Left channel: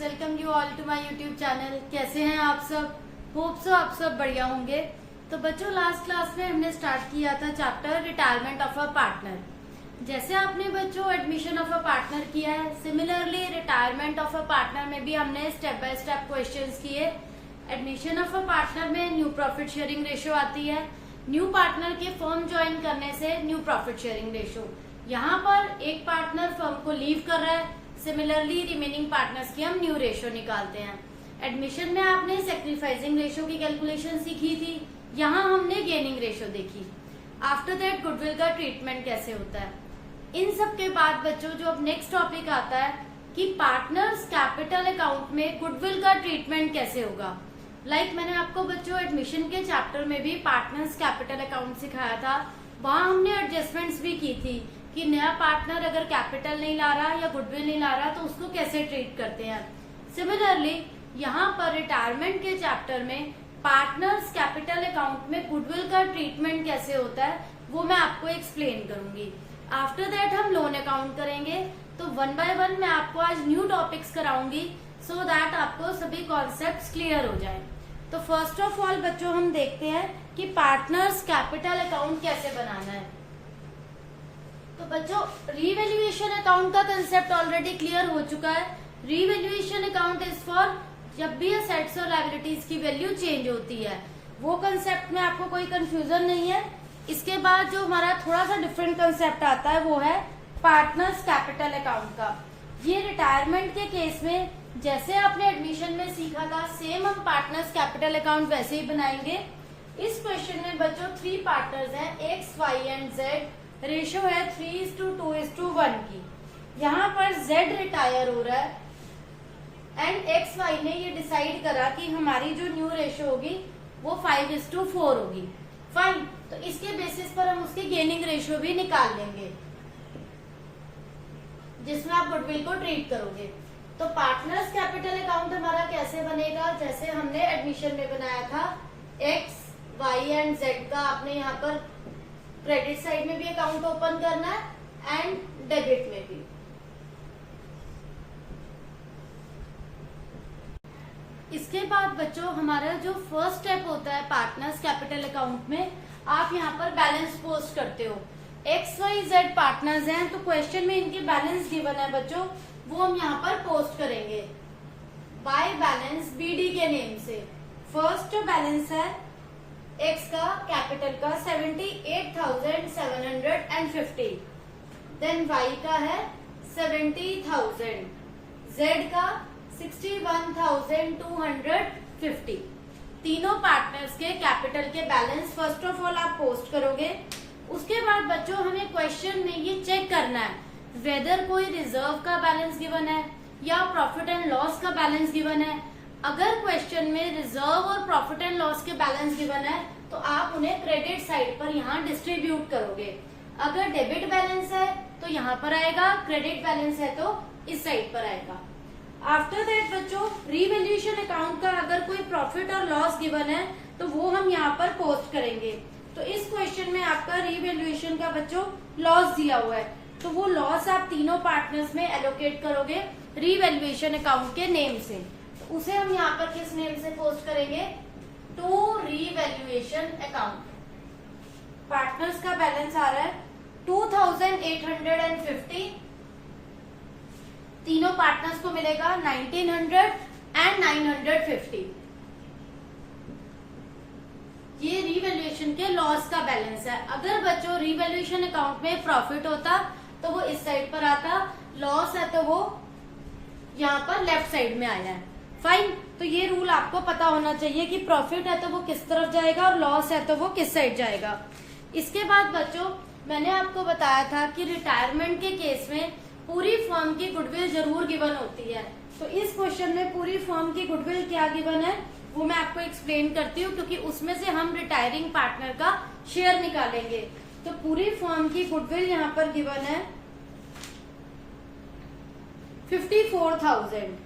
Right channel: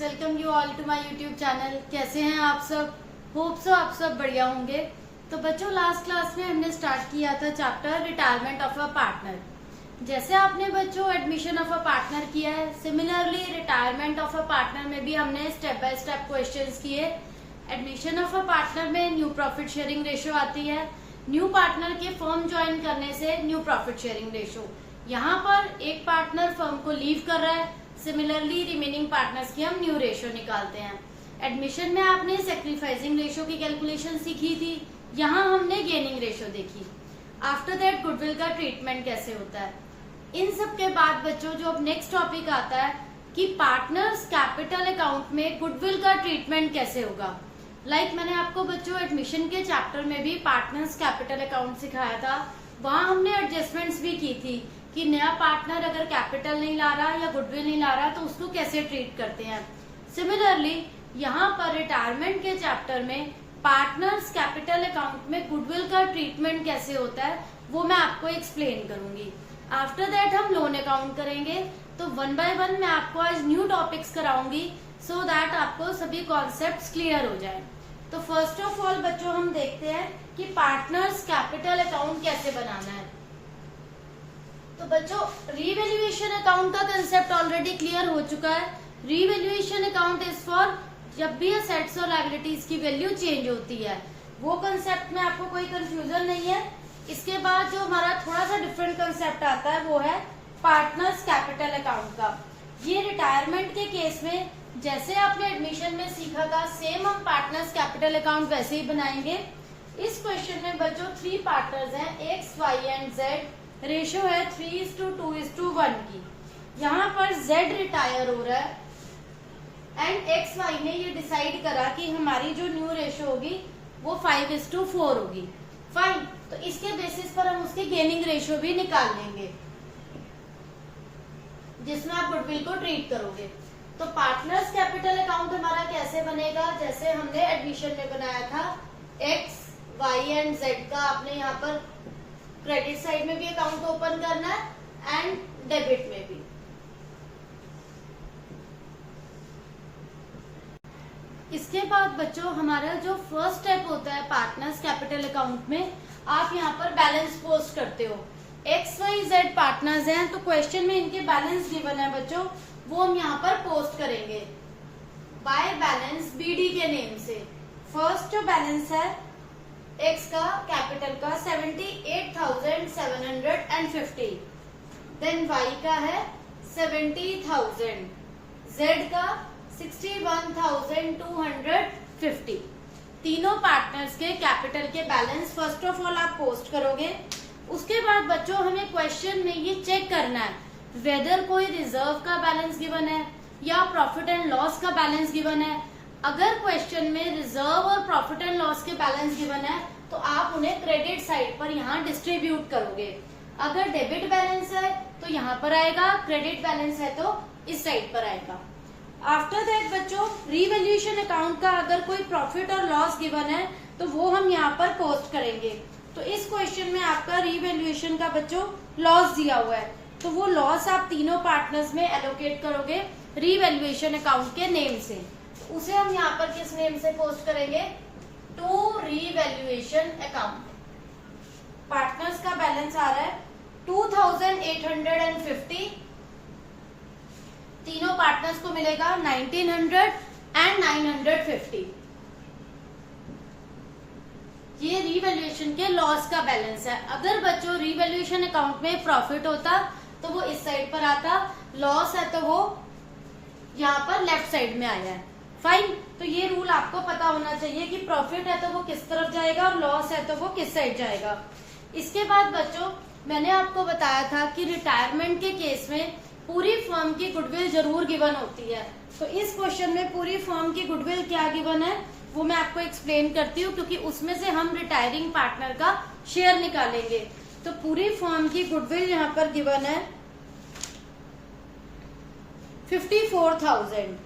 Welcome you all to my YouTube channel. कैसे हैं आप सब? होप सो आप सब बढ़िया होंगे। तो बच्चों, लास्ट क्लास में हमने स्टार्ट किया था chapter retirement of a partner. जैसे आपने बच्चों एडमिशन ऑफ अ पार्टनर किया है, similarly retirement of a partner में भी हमने स्टेप बाय स्टेप क्वेश्चंस किए। एडमिशन ऑफ अ पार्टनर में न्यू प्रॉफिट शेयरिंग रेशियो आती है। न्यू पार्टनर के फर्म ज्वाइन करने से न्यू प्रॉफिट शेयरिंग रेशियो। यहाँ पर एक पार्टनर फर्म को लीव कर रहा है, सिमिलरली रिमेनिंग पार्टनर्स की हम न्यू रेशियो निकालते हैं। एडमिशन में आपने सेक्रीफाइसिंग रेशियो की कैलकुलेशन सीखी थी, यहाँ हमने गेनिंग रेशियो देखी। आफ्टर दैट गुडविल का ट्रीटमेंट कैसे होता है। इन सब के बाद बच्चों जो अब नेक्स्ट टॉपिक आता है कि पार्टनर्स कैपिटल अकाउंट में गुडविल का ट्रीटमेंट कैसे होगा। मैंने आपको बच्चों एडमिशन के चैप्टर में भी पार्टनर्स कैपिटल अकाउंट सिखाया था। वहां हमने एडजस्टमेंट्स भी की थी कि नया पार्टनर अगर कैपिटल नहीं ला रहा या गुडविल नहीं ला रहा तो उसको कैसे ट्रीट करते हैं। सिमिलरली यहाँ पर रिटायरमेंट के चैप्टर में पार्टनर्स कैपिटल अकाउंट में गुडविल का ट्रीटमेंट कैसे होता है वो मैं आपको एक्सप्लेन करूंगी। आफ्टर दैट हम लोन अकाउंट करेंगे। तो वन बाय वन मैं आपको आज न्यू टॉपिक्स कराऊंगी सो दैट आपको सभी कॉन्सेप्ट्स क्लियर हो जाए। तो फर्स्ट ऑफ ऑल बच्चों हम देखते हैं कि पार्टनर्स कैपिटल अकाउंट कैसे बनाना है। तो बच्चों रीवैल्यूएशन अकाउंट का कंसेप्ट ऑलरेडी क्लियर हो चुका है। रीवैल्यूएशन अकाउंट इज फॉर जब भी असेट्स और लायबिलिटीज की वैल्यू चेंज होती है, वो कंसेप्ट में आपको कोई कंफ्यूजन नहीं है। इसके बाद जो हमारा थोड़ा सा डिफरेंट कंसेप्ट आता है वो है पार्टनर्स कैपिटल अकाउंट का। ये रिटायरमेंट के केस में जैसे आपने एडमिशन में सीखा था सेम हम पार्टनर्स कैपिटल अकाउंट वैसे ही बनाएंगे। इस क्वेश्चन में बच्चों 3 पार्टनर्स हैं, X Y and Z. Ratio है 3:2:1 की। यहाँ पर जेड रिटायर हो रहा है एंड एक्स वाई ने ये डिसाइड करा कि हमारी जो न्यू रेशियो होगी वो 5:4 होगी। फाइन, तो इसके बेसिस पर हम उसके गेनिंग रेशियो भी निकाल लेंगे जिसमें आप गुडविल को ट्रीट करोगे। तो पार्टनर्स कैपिटल अकाउंट हमारा कैसे बनेगा, जैसे हमने एडमिशन में बनाया था एक्स वाई एंड जेड का। आपने यहाँ पर क्रेडिट साइड में भी अकाउंट ओपन करना है एंड डेबिट में भी। इसके बाद बच्चों हमारा जो फर्स्ट स्टेप होता है पार्टनर्स कैपिटल अकाउंट में, आप यहाँ पर बैलेंस पोस्ट करते हो। एक्स वाई जेड पार्टनर्स हैं तो क्वेश्चन में इनके बैलेंस गिवन है बच्चों, वो हम यहाँ पर पोस्ट करेंगे बाय बैलेंस बीडी के नेम से। फर्स्ट जो बैलेंस है एक्स का कैपिटल का 78,750, देन वाई का है 70,000, जेड का 61,250। तीनों पार्टनर्स के कैपिटल के बैलेंस फर्स्ट ऑफ ऑल आप पोस्ट करोगे। उसके बाद बच्चों हमें क्वेश्चन में ये चेक करना है वेदर कोई रिजर्व का बैलेंस गिवन है या प्रॉफिट एंड लॉस का बैलेंस गिवन है। अगर क्वेश्चन में रिजर्व और प्रॉफिट एंड लॉस के बैलेंस गिवन है तो आप उन्हें क्रेडिट साइड पर यहाँ डिस्ट्रीब्यूट करोगे। अगर डेबिट बैलेंस है तो यहाँ पर आएगा, क्रेडिट बैलेंस है तो इस साइड पर आएगा। आफ्टर दैट बच्चों रीवैल्यूएशन अकाउंट का अगर कोई प्रॉफिट और लॉस गिवन है तो वो हम यहाँ पर पोस्ट करेंगे। तो इस क्वेश्चन में आपका रीवैल्यूएशन का बच्चों लॉस दिया हुआ है, तो वो लॉस आप तीनों पार्टनर्स में एलोकेट करोगे रीवैल्यूएशन अकाउंट के नेम से। तो उसे हम यहाँ पर किस नेम से पोस्ट करेंगे, टू रीवैल्यूएशन अकाउंट। पार्टनर्स का बैलेंस आ रहा है 2,850, तीनों पार्टनर्स को मिलेगा 1,900 एंड 950। ये रीवैल्यूएशन के लॉस का बैलेंस है। अगर बच्चों रीवैल्यूएशन अकाउंट में प्रॉफिट होता तो वो इस साइड पर आता, लॉस है तो वो यहाँ पर लेफ्ट साइड में आया है। फाइन, तो ये रूल आपको पता होना चाहिए कि प्रॉफिट है तो वो किस तरफ जाएगा और लॉस है तो वो किस साइड जाएगा। इसके बाद बच्चों मैंने आपको बताया था कि रिटायरमेंट के केस में पूरी फर्म की गुडविल जरूर गिवन होती है। तो इस क्वेश्चन में पूरी फर्म की गुडविल क्या गिवन है वो मैं आपको एक्सप्लेन करती हूँ, क्योंकि उसमें से हम रिटायरिंग पार्टनर का शेयर निकालेंगे। तो पूरी फर्म की गुडविल यहाँ पर गिवन है 54,000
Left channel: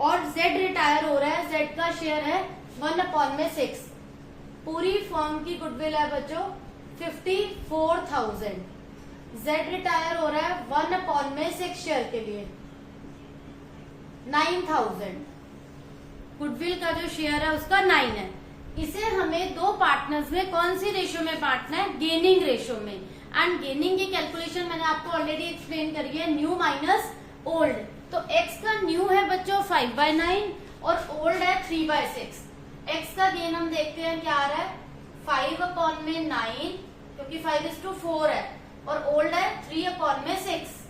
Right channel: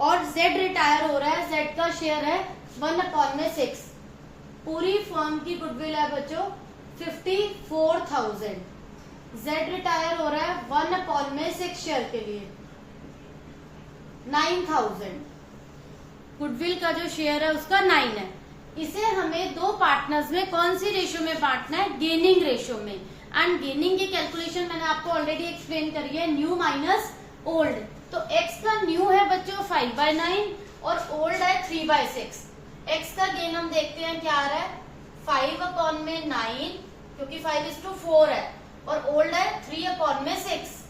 और जेड रिटायर हो रहा है, जेड का शेयर है 1/6। पूरी फर्म की गुडविल है बच्चों 54,000। जेड रिटायर हो रहा है 1/6 शेयर के लिए। 9,000। गुडविल का जो शेयर है उसका 9 है। इसे हमें दो पार्टनर्स में कौन सी रेशियो में बांटना है? गेनिंग रेशियो में। एंड गेनिंग की कैलकुलेशन मैंने आपको ऑलरेडी एक्सप्लेन करी है, न्यू माइनस ओल्ड। तो x का न्यू है बच्चों 5/9 और ओल्ड है 3/6। x का गेन हम देखते हैं क्या आ रहा है, 5/9 क्योंकि 5:4 है, और ओल्ड है 3/6।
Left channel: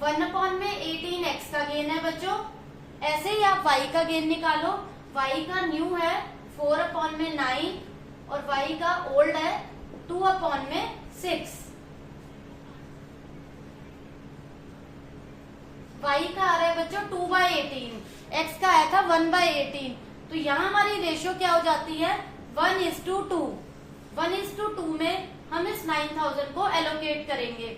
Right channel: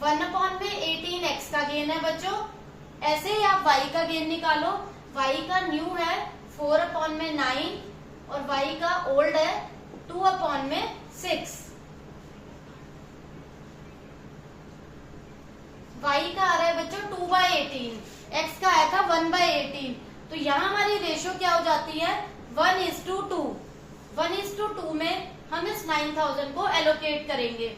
वन अपॉन में 18 x का गेन है बच्चों। ऐसे ही आप y का गेन निकालो। y का न्यू है 4/9 और y का ओल्ड है 2/6। y का आ रहा है बच्चों 2/18, x का आया था 1/18। तो यहाँ हमारी रेशियो क्या हो जाती है? 1:2। 1:2 में हम इस 9,000 को एलोकेट करेंगे।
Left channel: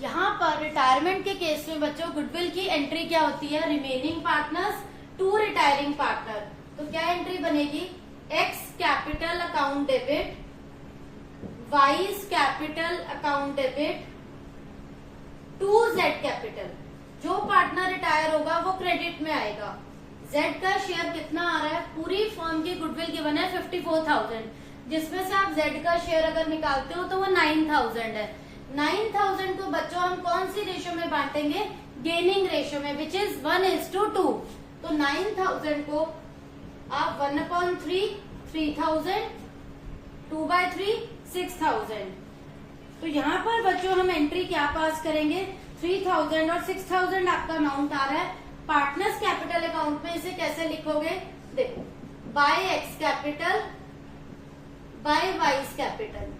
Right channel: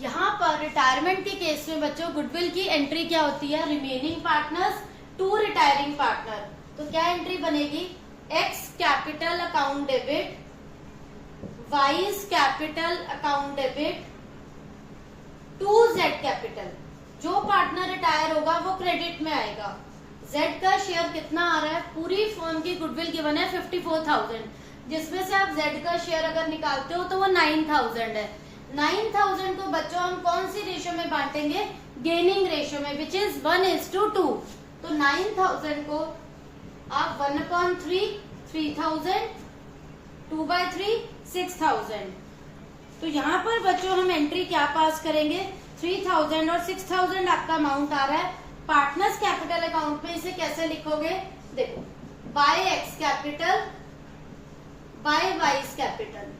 यहाँ पर रिटायरमेंट के केस में बच्चों गुडविल की एंट्री क्या होती है? Remaining partners to retiring partner. तो क्या एंट्री बनेगी? X capital account debit, Y's capital account debit to Z capital. जो पार्टनर रिटायर होगा वो क्रेडिट में आएगा। जेड का शेयर कितना आ रहा है? पूरी फर्म की गुडविल गिवन है 54,000, जिसमें से आप जेड का शेयर अगर निकालते हो तो वो 9,000 है। 9,000 को बच्चों हम कौन सी रेशियो में बांटेंगे? गेनिंग रेशियो में, विच इज 1:2। तो 9,000 को आप 1/3 3,000, 2/3 6,000। तो यहाँ पर बच्चों हम एंट्री क्या पास करेंगे? 3,000 और 6,000 आपका अमाउंट आ रहा है पार्टनर्स कैपिटल अकाउंट में। इसे कैसे लिखोगे? देखो, by X capital by Y's capital.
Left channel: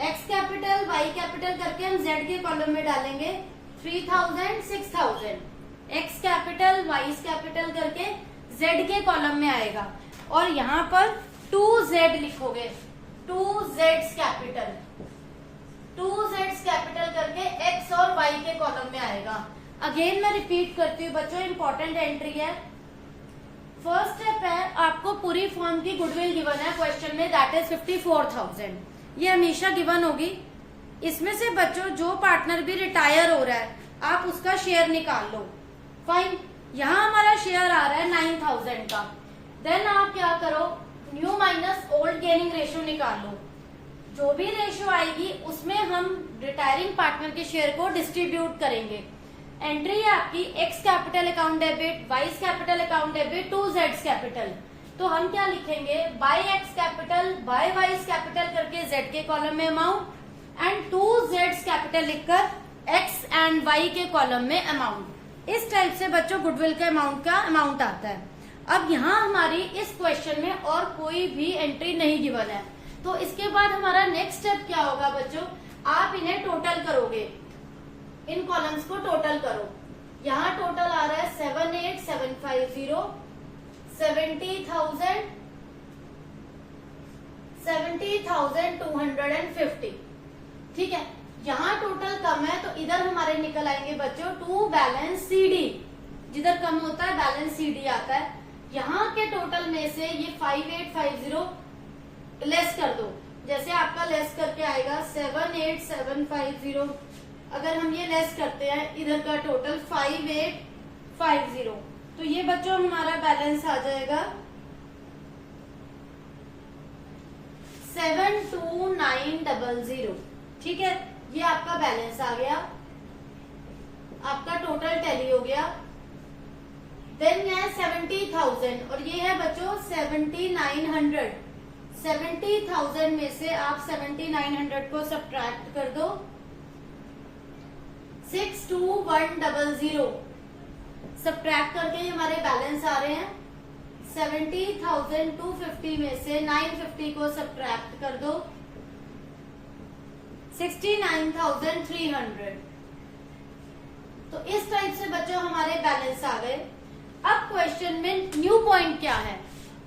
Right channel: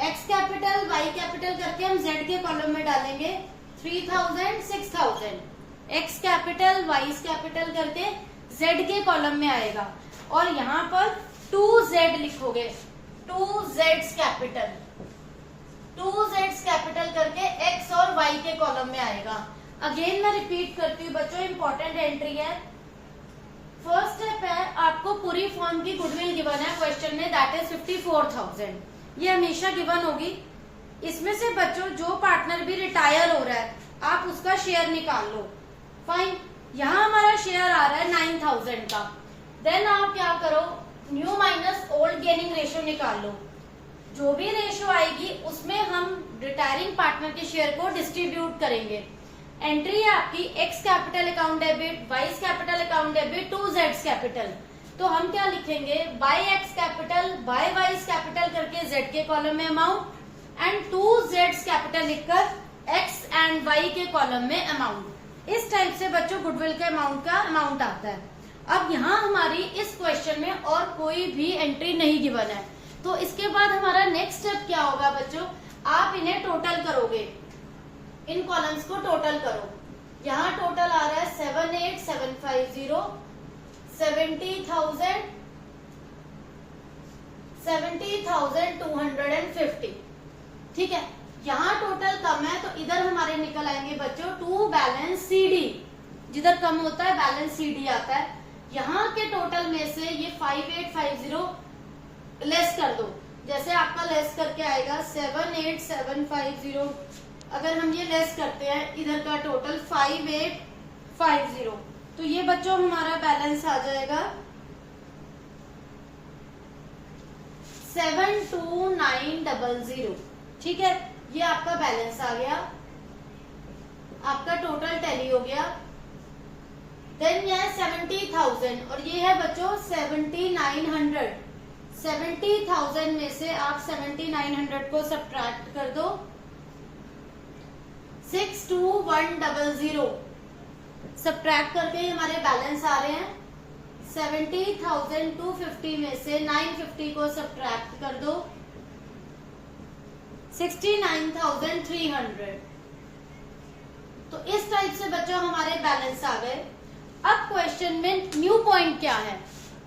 X capital Y capital करके हम जेड के कॉलम में डालेंगे 3,000 6,000। एक्स कैपिटल वाइज कैपिटल करके जेड के कॉलम में आएगा। और यहाँ पर 2z लिखोगे, 2z कैपिटल, 2z कैपिटल करके एक्स और वाई के कॉलम में आएगा। अगेन मैं रिपीट करती हूँ बच्चों, इंपॉर्टेंट एंट्री है। फर्स्ट स्टेप है, आपको पूरी फर्म की गुडविल गिवन है क्वेश्चन में, दैट इज 54,000। ये हमेशा गिवन होगी। इसमें से बच्चों जो पार्टनर भी रिटायर हो रहा है आप उसका शेयर निकाल लो। फाइन, यहाँ हमारा शेयर आ रहा है 9,000 का। देन आप क्या करो, new minus old gaining ratio निकाल लो। जो भी रेशियो आएगी उसमें हम रिटायरिंग पार्टनर के शेयर को डिस्ट्रीब्यूट करेंगे। एंट्री है आपकी X capital account debit, Y's capital account debit to जेड्स कैपिटल। तो हम क्या लिखेंगे? By X capital by Y's capital करके जेड के कॉलम में अमाउंट एंड टू जेड्स कैपिटल लिखकर एक्स एंड वाई के कॉलम में अमाउंट। इस टाइप से बच्चों गुडविल के अमाउंट का अमाउंट आता है। अब यहाँ हमारी इस क्वेश्चन में और कोई भी एंट्री नहीं गिवन है, तो इसके बाद हमारा नेक्स्ट स्टेप क्या होगा बच्चों? आप इन्हें टोटल करोगे, इन कॉलम्स को टोटल करो। यहाँ टोटल आ रहा है 78,750, 70,000, 70,250। ठीक है, यहाँ टोटल कम है तो इधर हमारे निकल आएंगे बच्चों टू बैलेंस CD। जिधर कम होता है बैलेंस CD आता है। यहाँ के टोटल में से ये 5850 लेस कर दो। जैसे आपका लेस करके आएगा 78,750। अगर हम ये लेस करते हैं इधर का टोटल 5850, तो ये बच्चों हमारा बैलेंस आ जाएगा 72900। ठीक है, ये आपका बैलेंस आ गया, आपका टोटल टैली हो गया। देन ये है 70,000 और ये है बच्चों 7,900। 70,000 में से आप 7,900 को सब्ट्रैक्ट कर दो, 62100 सब्ट्रैक्ट करके हमारे बैलेंस आ रहे हैं 70,250 में से 950 को सब्ट्रैक्ट कर दो, 69,300। तो इस टाइप से बच्चों हमारे बैलेंस आ गए। अब क्वेश्चन में न्यू पॉइंट क्या है?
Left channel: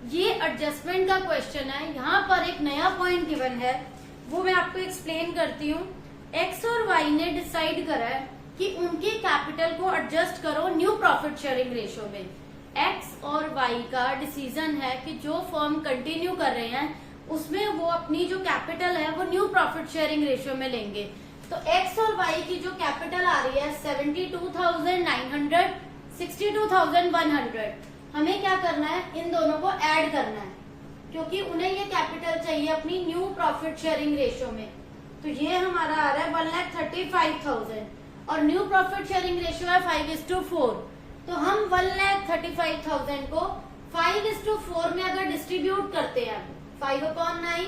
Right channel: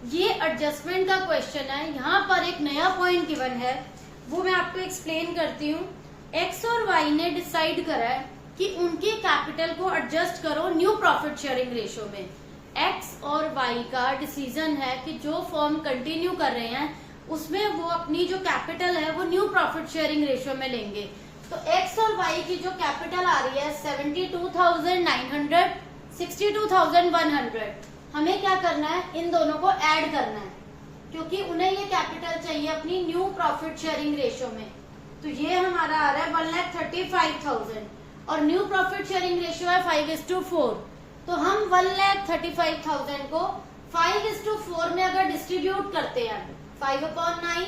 ये एडजस्टमेंट का क्वेश्चन है। यहाँ पर एक नया पॉइंट गिवन है, वो मैं आपको एक्सप्लेन करती हूँ। एक्स और वाई ने डिसाइड करा है कि उनकी कैपिटल को एडजस्ट करो न्यू प्रॉफिट शेयरिंग रेशियो में। एक्स और वाई का डिसीजन है कि जो फर्म कंटिन्यू कर रहे हैं उसमें वो अपनी जो कैपिटल है वो न्यू प्रॉफिट शेयरिंग रेशियो में लेंगे। तो एक्स और वाई की जो कैपिटल आ रही है 72,900, 62,100, हमें क्या करना है, इन दोनों को ऐड करना है क्योंकि उन्हें ये कैपिटल चाहिए अपनी न्यू प्रॉफिट शेयरिंग रेशियो में। तो ये हमारा आ रहा है 1,35,000 और न्यू प्रॉफिट शेयरिंग रेशियो है 5:4। तो हम 1,35,000 को 5:4 में अगर डिस्ट्रीब्यूट करते हैं 5/9,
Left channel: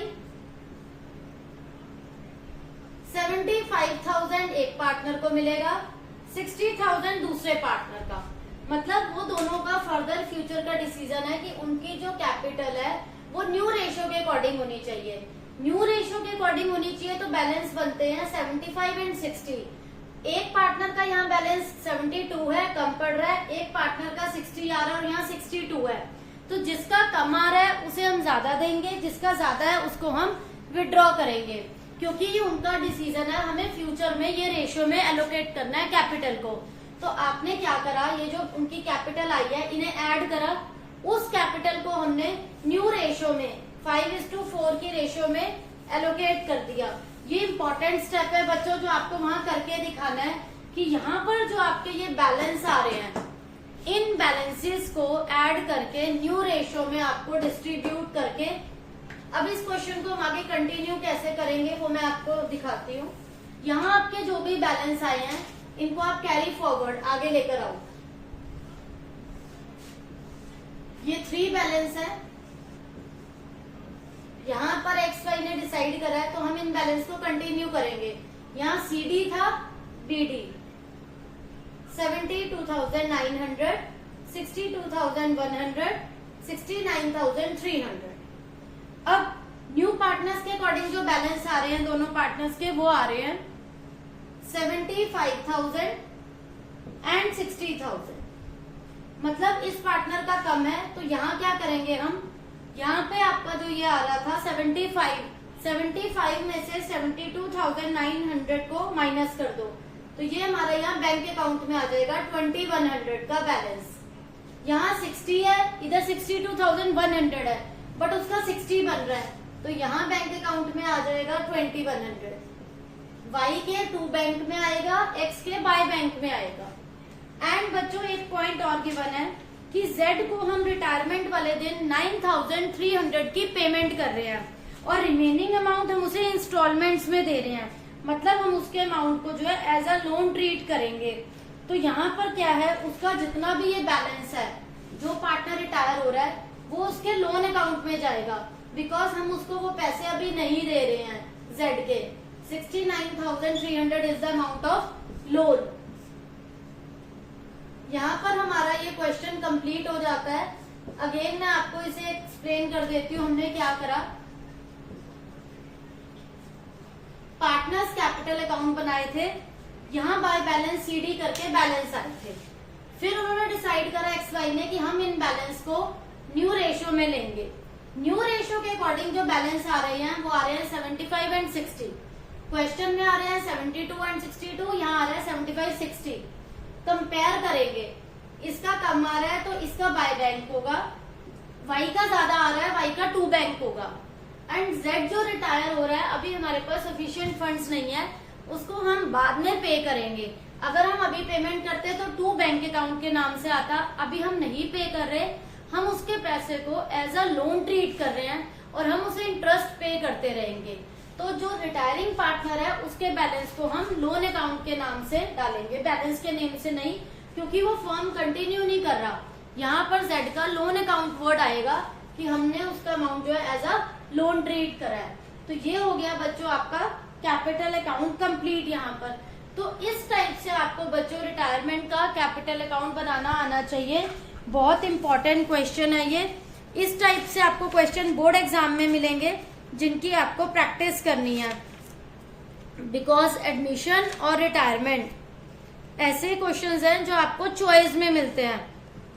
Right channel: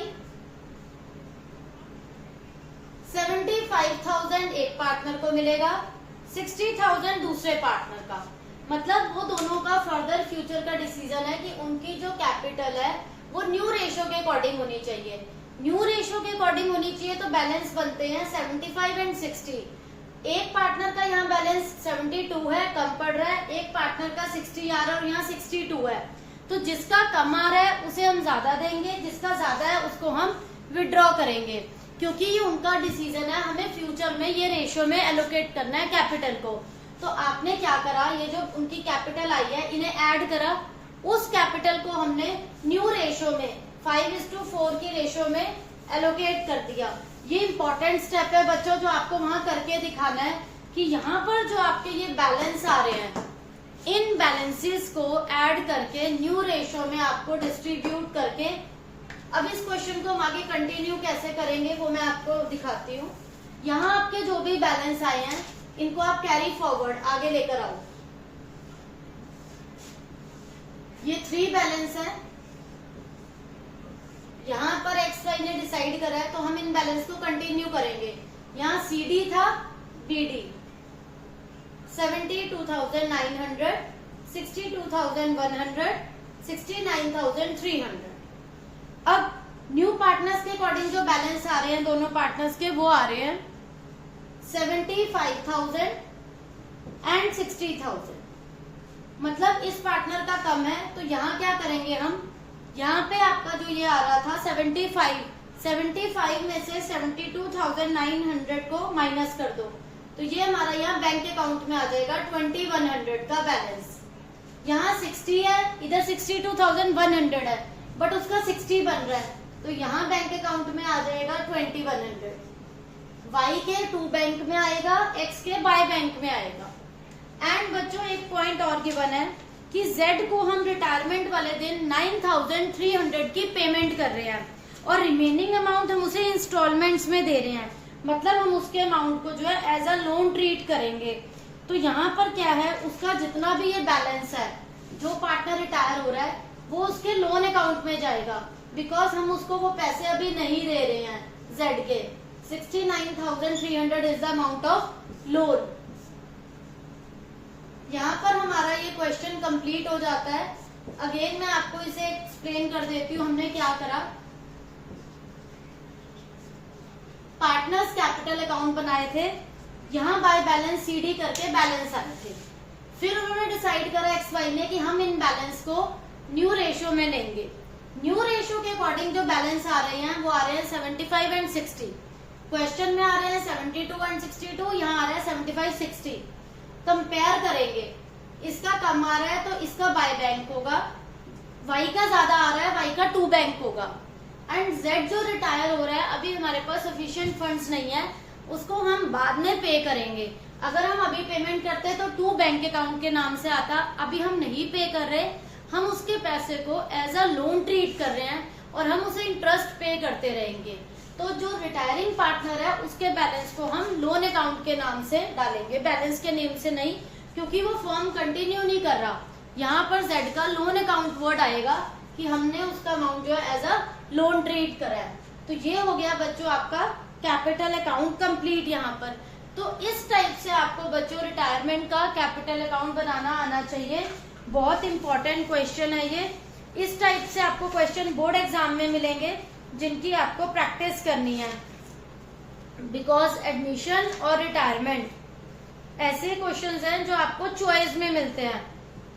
75,000 एक पार्टनर को मिलेगा, 60,000 दूसरे पार्टनर का। मतलब वो दोनों का फर्दर फ्यूचर का डिसीजन है कि उनकी जो कैपिटल है वो न्यू रेशियो के अकॉर्डिंग होनी चाहिए। न्यू रेशियो के अकॉर्डिंग होनी चाहिए तो बैलेंस बनते हैं 75 एंड 60। एक पार्टनर का यहाँ बैलेंस 72 है, कम पड़ रहा है, एक पार्टनर का 60 आ रहा है और यहाँ 62 है। तो जिसका कम आ रहा है उसे हम ज्यादा देंगे, जिसका ज्यादा है उसको हम विड्रॉ करेंगे क्योंकि ये उनका डिसीजन है, हमें फ्यूचर में ये रेशियो में एलोकेट करना है कैपिटल को। तो आपने क्या करा, ये जो उनकी कैपिटल आई है इन्हें ऐड करा, उस कैपिटल को हमने न्यू रेशियो में 5:4 की रेशियो में एलोकेट कर दिया। ये इंपॉर्टेंट स्टेप है बच्चों जो आपको वहां करके दिखाना है कि यहाँ पर जो आपके ये बैलेंस आ रहे हैं इन बैलेंसेस को ऐड करके न्यू रेशियो में आपको डिस्ट्रीब्यूट करके, अब इस क्वेश्चन को हम आगे कंटिन्यू कैसे करेंगे वो मैं आपको दिखाती हूँ। यहाँ आपके जो भी बैलेंस आए हैं इनको आप कैरी फॉरवर्ड आगे लेकर आओ। ये 3 बैलेंस है, यहाँ पर एक्स वाई ने डिसाइड करा है तो हम इन बैलेंस को कंटिन्यू करेंगे। यहाँ CD था, DD 72,900, 62,100, 69,300। अब न्यू पार्टनर्स के अकॉर्डिंग जो बैलेंस आ रहे हैं दोनों पार्टनर्स के वो आ रहे हैं 75,000 एंड 60,000। मतलब इस पार्टनर का कम है तो यहाँ क्या करेंगे हम, यहाँ पे आपका जो ये आ रहा था 75 में से 72,900 को माइनस कर दो तो ये हमारा यहाँ बैंक अकाउंट में आ जाएगा 2100 का बैलेंस। यहाँ 60 है, इधर 62,100 है बट उसका 60 बन रहा है तो यहाँ बैंक अकाउंट में आ जाएगा 2100। वाई के 2 बैंक में आएगा, एक्स के वाई बैंक में आएगा। एंड बच्चों एक पॉइंट और गिवन है कि जेड को हम रिटायरमेंट वाले दिन 9,300 की पेमेंट कर रहे हैं और रिमेनिंग अमाउंट हम उसे इंस्टॉलमेंट्स में दे रहे हैं। मतलब हम उसके अमाउंट को जो है एज अ लोन ट्रीट करेंगे। तो यहाँ पर क्या है, उसका जितना भी ये बैलेंस है जो पार्टनर रिटायर हो रहा है वो उसके लोन अकाउंट में जाएगा बिकॉज हम उसको वो पैसे अभी नहीं दे रहे हैं। जेड के 69,300 is the amount of loan. यहाँ पर हमारा ये क्वेश्चन कंप्लीट हो जाता है। अगेन मैं आपको इसे एक्सप्लेन कर देती हूँ। हमने क्या करा, पार्टनर्स कैपिटल अकाउंट बनाए थे, यहाँ बाय बैलेंस CD करके बैलेंस आए थे। फिर उन्होंने डिसाइड करा एक्स वाई ने कि हम इन बैलेंस को न्यू रेशियो में लेंगे। न्यू रेशियो के अकॉर्डिंग जो बैलेंस आ रहे हैं वो आ रहे हैं 75 एंड 60। क्वेश्चन में आ रहे हैं 72 एंड 62, यहाँ आ रहा है 75 60। कंपेयर करेंगे, इसका कम आ रहा है तो इसका बाय बैंक होगा, वाई का ज्यादा आ रहा है वाई का 2 बैंक होगा। एंड जेड जो रिटायर हो रहा है अभी हमारे पास सफिशिएंट फंड्स नहीं है, उसको हम बाद में पे करेंगे। अगर हम अभी पेमेंट करते तो 2 बैंक अकाउंट के नाम से आता, अभी हम नहीं पे कर रहे, हम उसके पैसे को एज अ लोन ट्रीट कर रहे हैं और हम उसे इंटरेस्ट पे करते रहेंगे। तो जो रिटायरिंग पार्टनर है उसके बैलेंस को हम लोन अकाउंट के नाम से डालेंगे, बैलेंस के नेम से नहीं, क्योंकि वो फर्म कंटिन्यू नहीं कर रहा। यहाँ पर जेड का लोन अकाउंट वर्ड आएगा कि हमने उसका अमाउंट जो है एज अ लोन ट्रीट करा है। तो ये हो गया बच्चों आपका कैपिटल अकाउंट कंप्लीट। यहाँ पर तो इस टाइप से आपको बच्चों रिटायरमेंट का कैपिटल अकाउंट बनाना आना चाहिए। बहुत इंपॉर्टेंट क्वेश्चन है ये। इस टाइप से आपको क्वेश्चन बोर्ड एग्जाम में मिलेंगे जिनकी आपको प्रैक्टिस करनी है, बिकॉज एडमिशन और रिटायरमेंट ऐसे क्वेश्चंस हैं जो आपको चॉइस में मिलते हैं।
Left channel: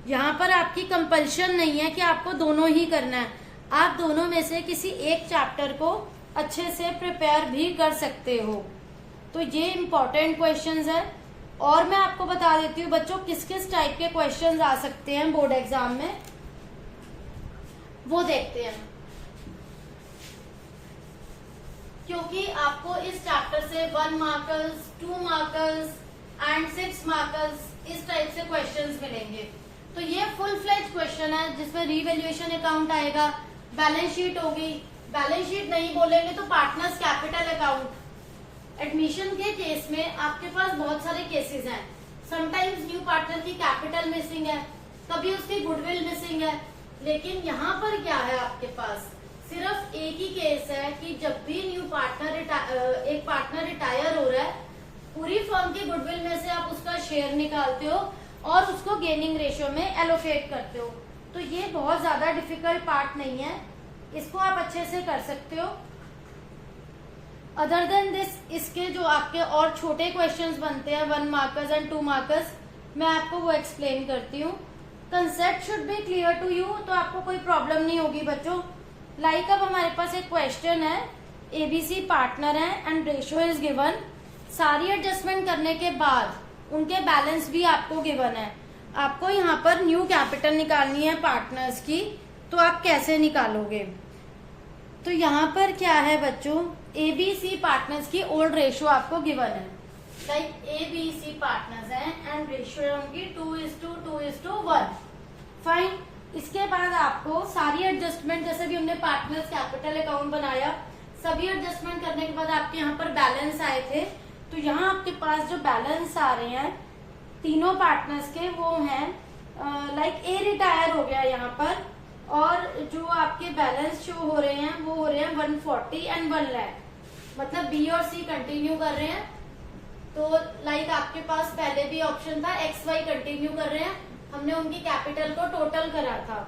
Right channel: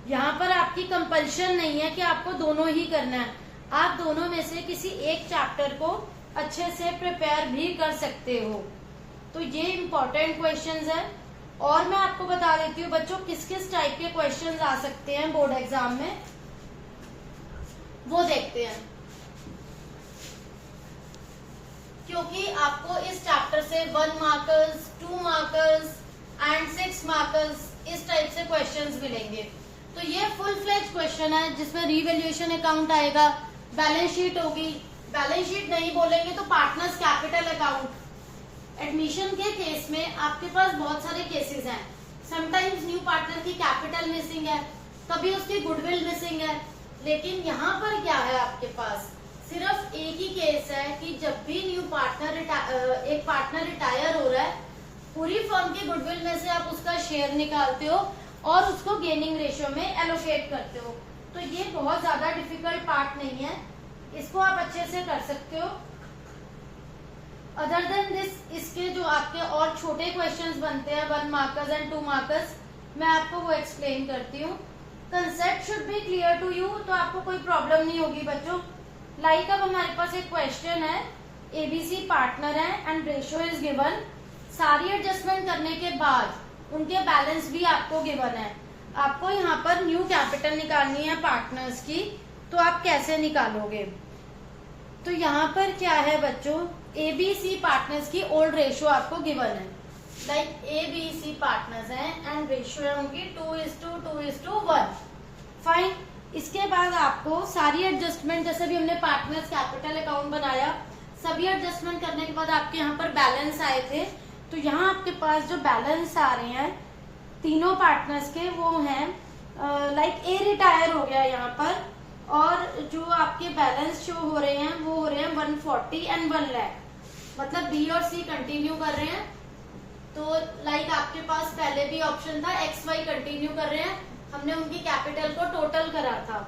यहाँ पर आपकी कंपल्शन नहीं है कि आपको दोनों ही करना है, आप दोनों में से किसी एक चैप्टर को अच्छे से प्रिपेयर भी कर सकते हो। तो ये इम्पोर्टेंट क्वेश्चंस है। और मैं आपको बता देती हूँ बच्चों किस किस टाइप के क्वेश्चंस आ सकते हैं बोर्ड एग्जाम में, वो देखते हैं। क्योंकि आपको इस चैप्टर से 1 मार्कर्स, 2 मार्कर्स एंड 6 मार्कर्स इस टाइप से क्वेश्चंस मिलेंगे। तो ये फुल फ्लेज क्वेश्चन है जिसमें रीवैल्यूएशन अकाउंट आएगा, बैलेंस शीट होगी, बैलेंस शीट नहीं बोलेंगे तो पार्टनर्स कैपिटल अकाउंट। एडमिशन के केस में आपके पास बहुत सारे केसेस हैं। समटाइम्स न्यू पार्टनर की कैपिटल मिसिंग है, कभी उसकी गुडविल मिसिंग है, लेकिन यहाँ पर क्या है आपके पास सिर्फ एक ही केस है कि जब भी न्यू पार्टनर एक पार्टनर रिटायर हो रहा है, पूरी फर्म की गुडविल में से आप उसका शेयर निकालते हो और उसको गेनिंग रेशियो में एलोकेट करते हो। तो ये बहुत ज्यादा डिफिकल्ट पार्ट नहीं है, इसको आप अच्छे से कर सकते हो। अदर देन दिस इसके जो आपके और छोटे क्वेश्चंस बनते हैं 1 मार्कर्स एंड 2 मार्कर्स, मैं आपको वो एक्सप्लेन करती हूँ। Concept should be clear to you, तो आपको कोई प्रॉब्लम नहीं होगी बच्चों। लाइक अब हमारे पास एक क्वेश्चन है, एबीसी पार्टनर है एंड रेशियो इज गिवन। सारी एडजस्टमेंट करने के बाद उनके बैलेंस भी आपको गिवन है। आपको यहाँ पर न्यू कैपिटल निकालनी है पार्टनर्स की, तो आप कैसे निकालोगे? तो यहाँ पर क्या है बच्चों, एबीसी पार्टनर्स की ओल्ड रेशियो आपको गिवन है। लाइक एबीसी पार्टनर्स हैं एंड रेशियो होंगी 2:2:1। फाइन। इसके बाद आपको सारी एडजस्टमेंट, जैसे भी हमने पार्टनर्स कैपिटल अकाउंट बनाया, सभी एडजस्टमेंट करने के बाद आपके यहाँ पर बैलेंस आए थे। तो यहाँ आपके पास जो बैलेंस आ रहे हैं तीनों पार्टनर्स के, वो हैं लाइक ए रिटायर हो गया यहाँ पर, और जो आपके बैलेंस शो हो रहे हैं वो हो रहे हैं 140 एंड 1 लाख। मतलब बी और सी कंटिन्यू कर रहे हैं। तो लाइक आपके पास पहले भी ऑप्शन था XY कंटिन्यू कर रहे हैं, हमने उनकी कैपिटल को टोटल करा था।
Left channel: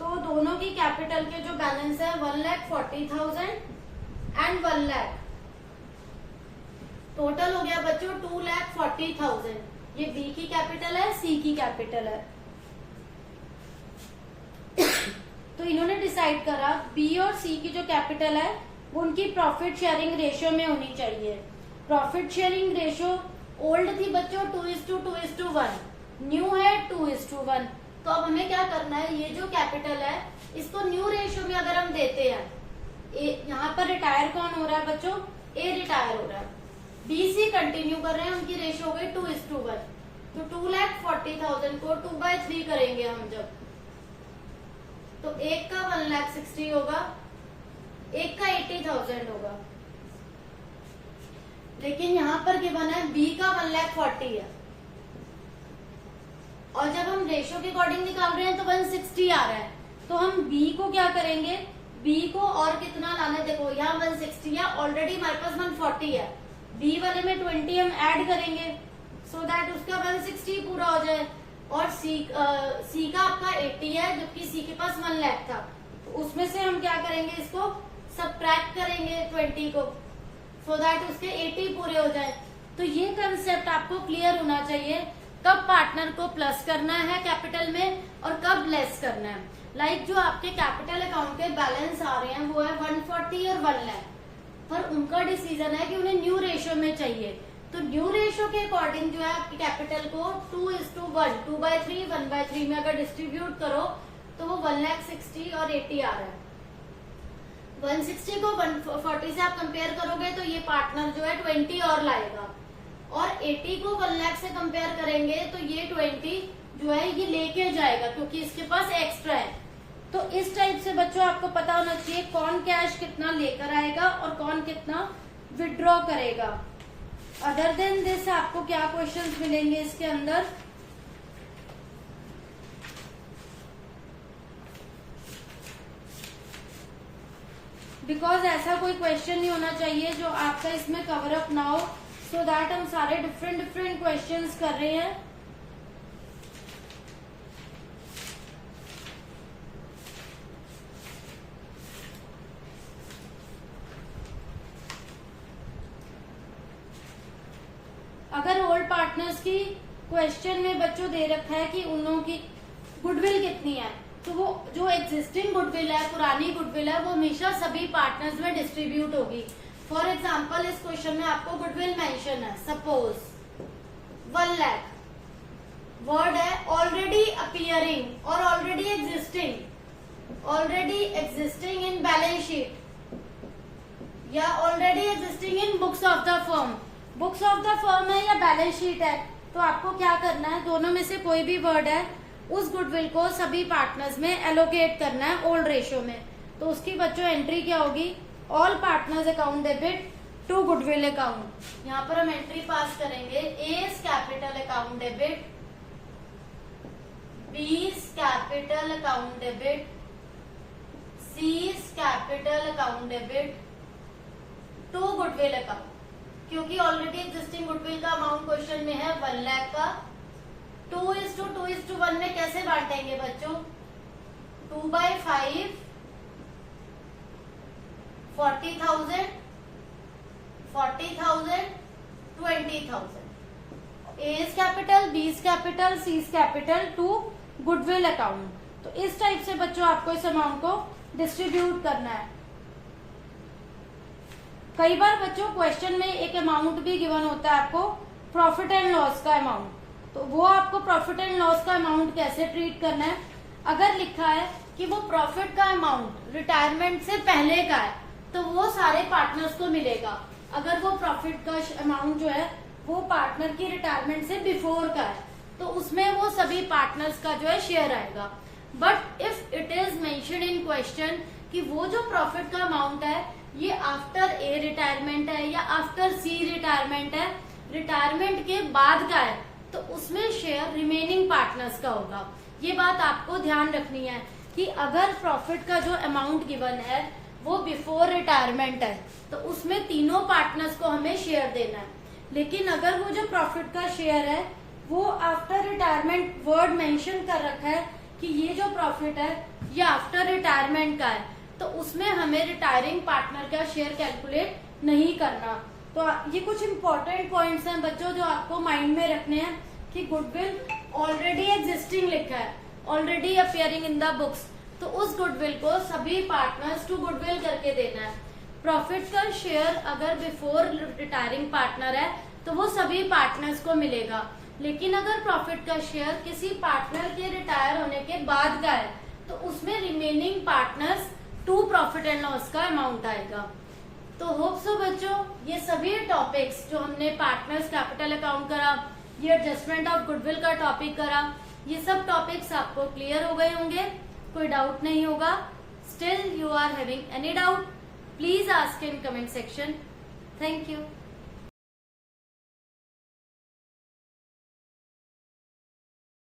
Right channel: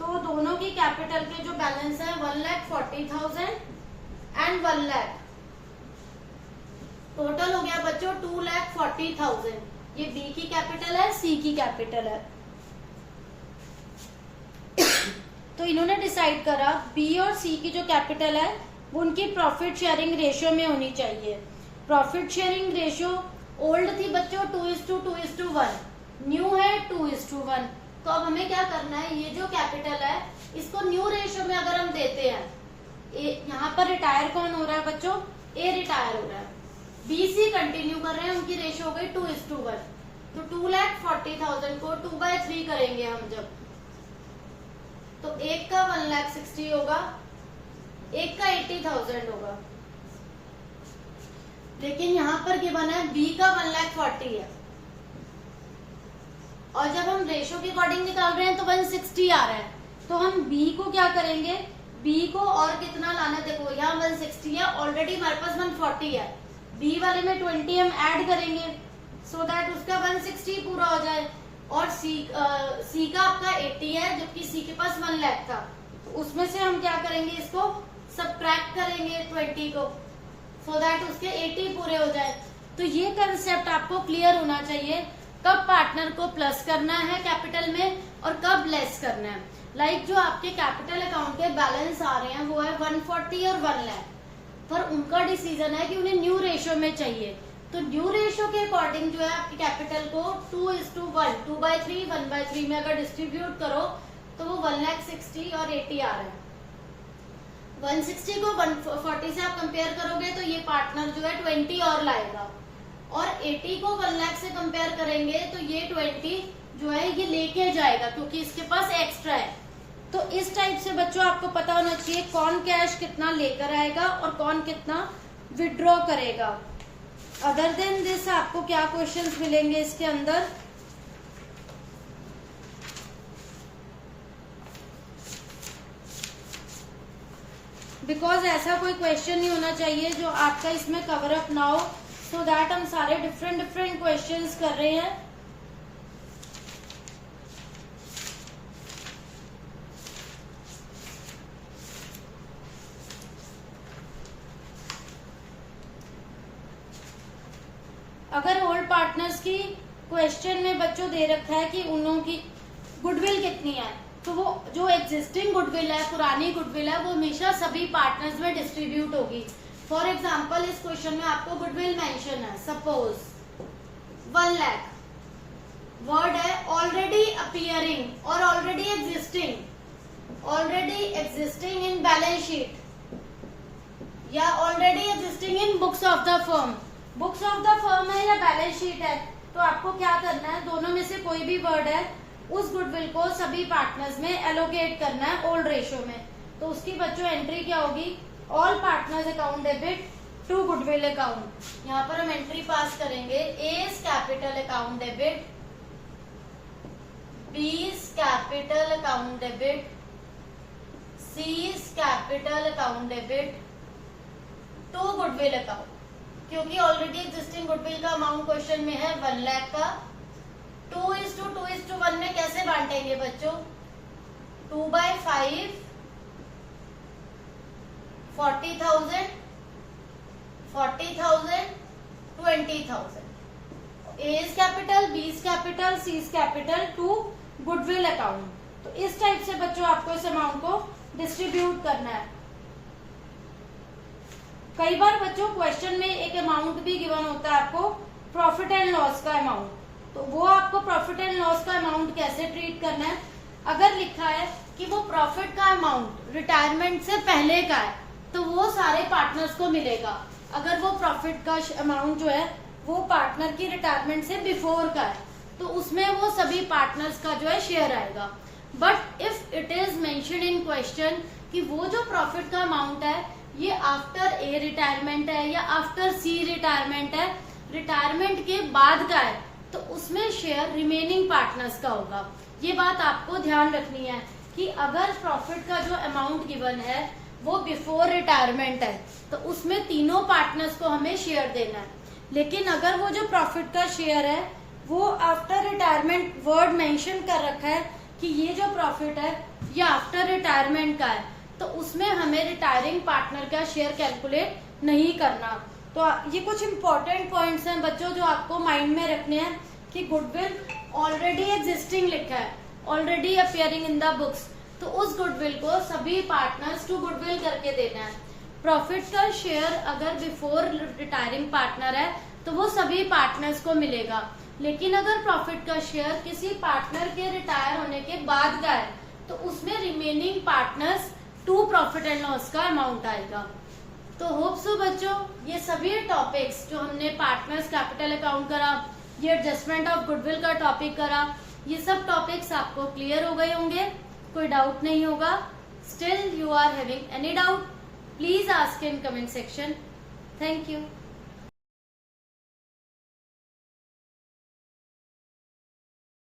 तो दोनों की कैपिटल के जो बैलेंस है 1,40,000 एंड 1 लाख, टोटल हो गया बच्चों 2,40,000। ये बी की कैपिटल है, सी की कैपिटल है। तो इन्होंने डिसाइड करा बी और सी की जो कैपिटल है वो उनकी प्रॉफिट शेयरिंग रेशियो में होनी चाहिए। प्रॉफिट शेयरिंग रेशियो ओल्ड थी बच्चों 2:2:1, न्यू है 2:1। तो अब हमें क्या करना है, ये जो कैपिटल है इसको न्यू रेशियो में अगर हम देते हैं, यहाँ पर रिटायर कौन हो रहा है बच्चों, ए रिटायर हो रहा है, बी सी कंटिन्यू कर रहे हैं, उनकी रेशियो हो गई 2:1। तो 2,40,000 को 2/3 करेंगे हम जब, तो एक का 1,60,000 होगा, एक का 80,000 होगा। लेकिन यहाँ पर गिवन है बी का 1,40,000 है, और जब हम रेशियो के अकॉर्डिंग निकाल रहे हैं तो 160 आ रहा है। तो हम बी को क्या करेंगे, बी को और कितना लाना है, देखो यहाँ 160 है, ऑलरेडी हमारे पास 140 है, बी वाले में 20 हम ऐड करेंगे सो दैट उसका 160 पूरा हो जाए। और सी का आपका 80 है, जबकि सी के पास 1 लाख था, तो उसमें से हम क्या करेंगे, इसको सबट्रैक्ट करेंगे 20 को, सो दैट उसके 80 पूरे हो जाए। तो ये कंसेप्ट आपको क्लियर होना चाहिए, कब पार्टनर को प्लस करना है कैपिटल में और कब लेस करना है। लाइक जो आपके कैपिटल अकाउंट के बैलेंस आ रहे हैं वो है 140 और 1 लाख, पर उनका डिसीजन है कि उन्हें न्यू रेशियो में चाहिए। तो न्यू रेशियो के अकॉर्डिंग जो है आपकी कैपिटल को 2:1, 2/3, 1/3 में अगर डिस्ट्रीब्यूट करो तो वो 1,60,000 और 80 आ रहा है। 160 को 140 से आप कंपेयर करोगे तो ये पार्टनर जो है 20 और लाएगा, और 80 को 1 लाख से कंपेयर करेंगे तो ये 20 जो है ये लेके जाएगा, क्योंकि इसके पास एक्स्ट्रा है। तो इस टाइप से बच्चों आपको पता होना चाहिए कौन कैश कितना लेकर आएगा और कौन कितना विड्रॉ करेगा। अदर देन दिस आपको क्या क्वेश्चंस मिलेंगे इसके अंदर, बिकॉज ऐसा कोई क्वेश्चन नहीं होना चाहिए जो आपका इसमें कवर अप ना हो, सो दैट हम सारे डिफरेंट क्वेश्चंस कर रहे हैं। अगर ओल्ड पार्टनर्स की क्वेश्चन में बच्चों दे रखा है कि उन लोगों की गुडविल कितनी है, तो वो जो एग्जिस्टिंग गुडविल है, पुरानी गुडविल है, वो हमेशा सभी पार्टनर्स में डिस्ट्रीब्यूट होगी। फॉर एग्जाम्पल इस क्वेश्चन में आपको गुडविल मेंशन है, सपोज 1 लाख, वर्ड है ऑलरेडी अपीयरिंग और already existing in balance sheet या already existing in books of the firm. Books of the firm है या बैलेंस शीट है, तो आपको क्या करना है, दोनों में से कोई भी वर्ड है उस गुडविल को सभी पार्टनर्स में एलोकेट करना है ओल्ड रेशियो में। तो उसकी बच्चों एंट्री क्या होगी, all partners account debit to goodwill account. यहाँ पर हम एंट्री पास करेंगे, A's capital account debit, B's capital account debit, C's capital account debit to goodwill account. क्योंकि ऑलरेडी एग्जिस्टिंग गुडविल का अमाउंट क्वेश्चन में है 1 लाख का। 2:1 में कैसे बांटेंगे बच्चों, 2/5 40,000 40,000 20,000, A's capital, B's capital, C's capital to goodwill account. तो इस टाइप से बच्चों आपको इस अमाउंट को डिस्ट्रीब्यूट करना है। कई बार बच्चों क्वेश्चन में एक अमाउंट भी गिवन होता है आपको, प्रॉफिट एंड लॉस का अमाउंट, तो वो आपको प्रॉफिट एंड लॉस का अमाउंट कैसे ट्रीट करना है। अगर लिखा है कि वो प्रॉफिट का अमाउंट रिटायरमेंट से पहले का है तो वो सारे पार्टनर्स को मिलेगा। अगर वो प्रॉफिट का अमाउंट जो है वो पार्टनर की रिटायरमेंट से बिफोर का है तो उसमें वो सभी पार्टनर्स का जो है शेयर आएगा। But if it is mention in question कि वो जो प्रॉफिट का अमाउंट है ये आफ्टर ए रिटायरमेंट है या आफ्टर सी रिटायरमेंट है, रिटायरमेंट के बाद का है, तो उसमें शेयर रिमेनिंग पार्टनर्स का होगा। ये बात आपको ध्यान रखनी है कि अगर प्रॉफिट का जो अमाउंट गिवन है वो बिफोर रिटायरमेंट है तो उसमें तीनों पार्टनर्स को हमें शेयर देना है। लेकिन अगर वो जो प्रॉफिट का शेयर है वो आफ्टर रिटायरमेंट वर्ड मेंशन कर रखा है कि ये जो प्रॉफिट है ये आफ्टर रिटायरमेंट का है, तो उसमें हमें रिटायरिंग पार्टनर का शेयर कैलकुलेट नहीं करना। तो ये कुछ इंपॉर्टेंट पॉइंट्स हैं बच्चों जो आपको माइंड में रखने हैं कि गुडविल ऑलरेडी एग्जिस्टिंग लिखा है, already appearing in the books, तो उस गुडविल को सभी पार्टनर्स टू गुडविल करके देना है। प्रॉफिट का शेयर अगर बिफोर रिटायरिंग पार्टनर है तो वो सभी पार्टनर्स को मिलेगा, लेकिन अगर प्रॉफिट का शेयर किसी पार्टनर के रिटायर होने के बाद का है तो उसमें remaining partners to profit and loss का अमाउंट आएगा। तो होप सो बच्चों ये सभी टॉपिक्स जो हमने पार्टनर्स कैपिटल अकाउंट करा, ये एडजस्टमेंट ऑफ गुडविल का टॉपिक करा, ये सब टॉपिक्स आपको क्लियर हो गए होंगे, कोई डाउट नहीं होगा। Still you are having any doubt, please ask in comment section. Thank you.